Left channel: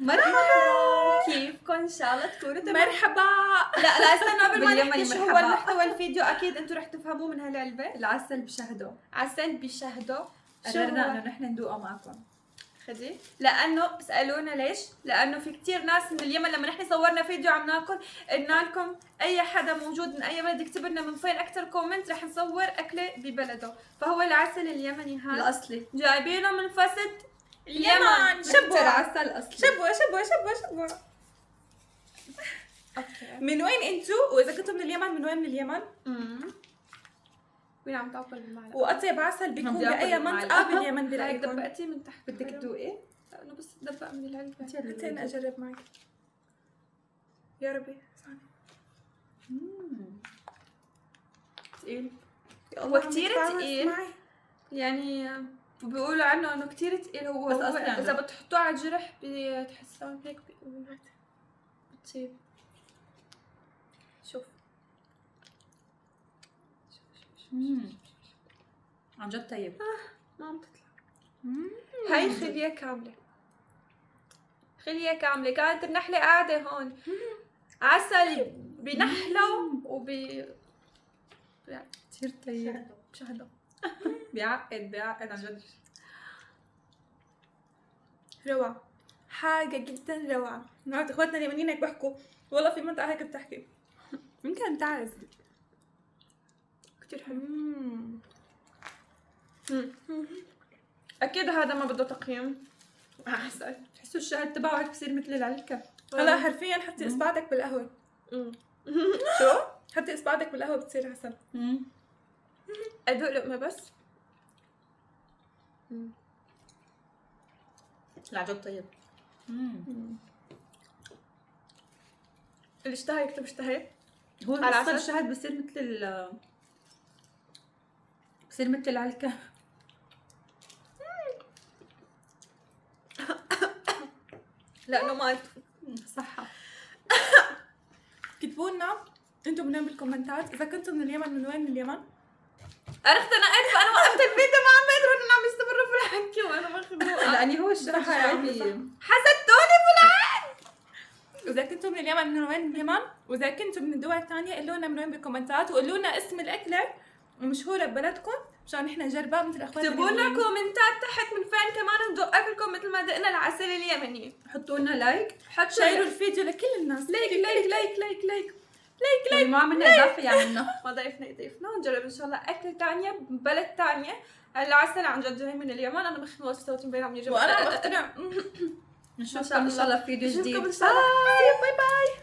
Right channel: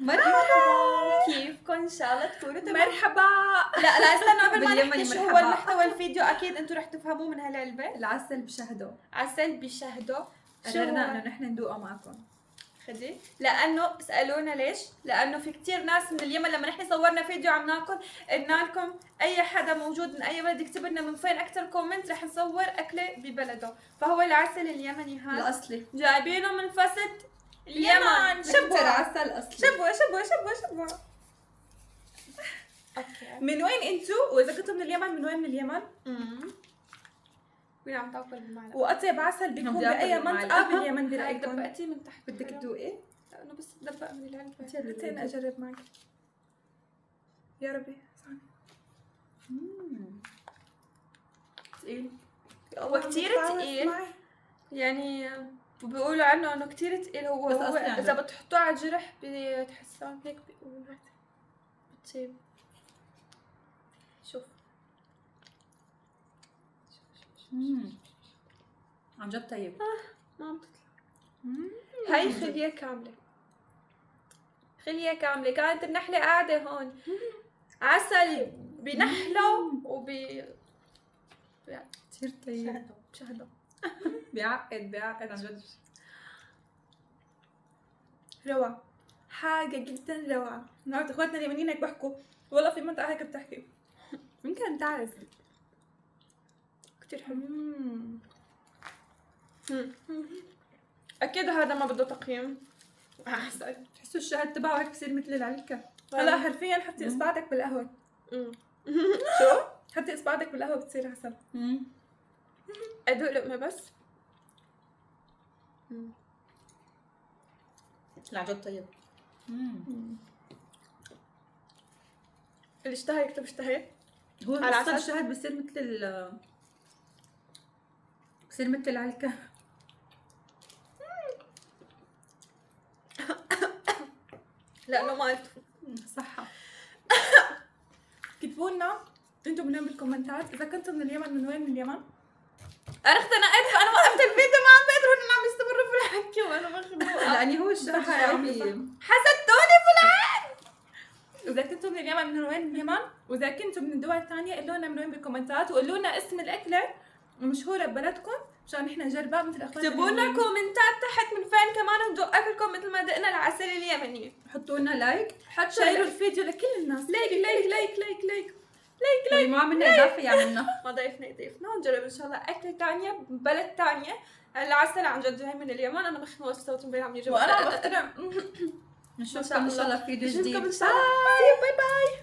مرحبا. كيفكم؟ ان شاء الله تكونوا تمام. مرحبا. لا استنى قبل ما باليمني نحكي شو هو مرحبا. المحتوى الفيديو، اكيد انتم رح تفهموه من هالعلبه. العسل بشهده. عسل بشهده. قررنا انه نحن ندوقه معكم. خدي، لانه سالونا ليش؟ لانه في كثير ناس من اليمن لما نحن صورنا فيديو عم ناكل قلنا لكم اي حدا موجود من اي بلد يكتب لنا من فين اكثر كومنت رح نصور اكله ببلده. فهو العسل اليمني هذا الاصلي جايبينه من فسد اليمن. اكثر عسل اصلي. شبوا اوكي. من وين انتوا؟ واذا كنتوا من اليمن من وين من اليمن؟ وين عم تاكل بالمعلقه؟ واطيب عسل بيكون بدي آكل باي بالمعلقة. منطقه باليمن هاي برايكم؟ دبقتي من تحت. بدك تدوقي؟ لا انا بس دبق من العلبه. خليني اجرب معك. يا ربي ثقيل. هو كثير ثقيل يعني، بيقولوا عنه انه كثير ثقيل. هو بس أصلي اذا بتحطوه على الجرح بتحسون هيك بيقولوا بتصيب. شوف عن جد طيب. ما عم تطلع. هاي خليه كامله، خليه كامله. كانت النحله قاعده هون، عسل بنحله كثير طيب. بشهده. بيعقد عن جد. روعه، حاجه جدا روعه. نقعد اخواتنا اليمنيين هيك بحكوا والله في منطقه هيك بتحكي. يمكن تعرف كثير حلو. اكيد هذا ما بده تقييم. عسل. تحسوا الشهد تبعه هيك بصير مثل العلكه. هلا حرفيا حطي اصبعك بالقهوه. شو؟ حطي اصبعك بالقهوه بتصير عسل. ادوق لقمه بس. لا عن جد طيب. اللي اشتهى يكتب اشتهيت. هو على اصلا العسل؟ الشهد بصير مثل العلكه. لانه ما صحة. كتبوا لنا انتم من وين بالكومنتات، اذا كنتوا من اليمن من وين من اليمن. عرفت. انا وقفت الفيديو ما عم بقدر انهم عم يستمروا في الحكي وانا مخنوقه. لاني هو الشهد شوي حسدتوني في العين. واذا كنتوا من اليمن من وين من اليمن، واذا كنتوا من الدول الثانيه قولوا لنا من وين بالكومنتات، وقولوا لنا اسم الاكله المشهوره ببلدكم مشان نحن نجربها مثل اخواتنا. اكتبوا لنا كومنتات تحت من فين كمان ندوق اكلكم مثل ما دقنا العسل اليمني. حطوا لنا لايك. شيروا الفيديو لكل الناس. لايك لايك لايك لايك لايك. واللي ما عملنا اضافه يعملنا. ما ضيفنا ونجرب ان شاء الله اكله ثانيه ببلد ثانيه. العسل عن جد جاي من اليمن. انا مخنوقه صوتي مبين عم يجرب. وانا عم بخترع. نشوفكم ان شاء الله في فيديو جديد. باي باي.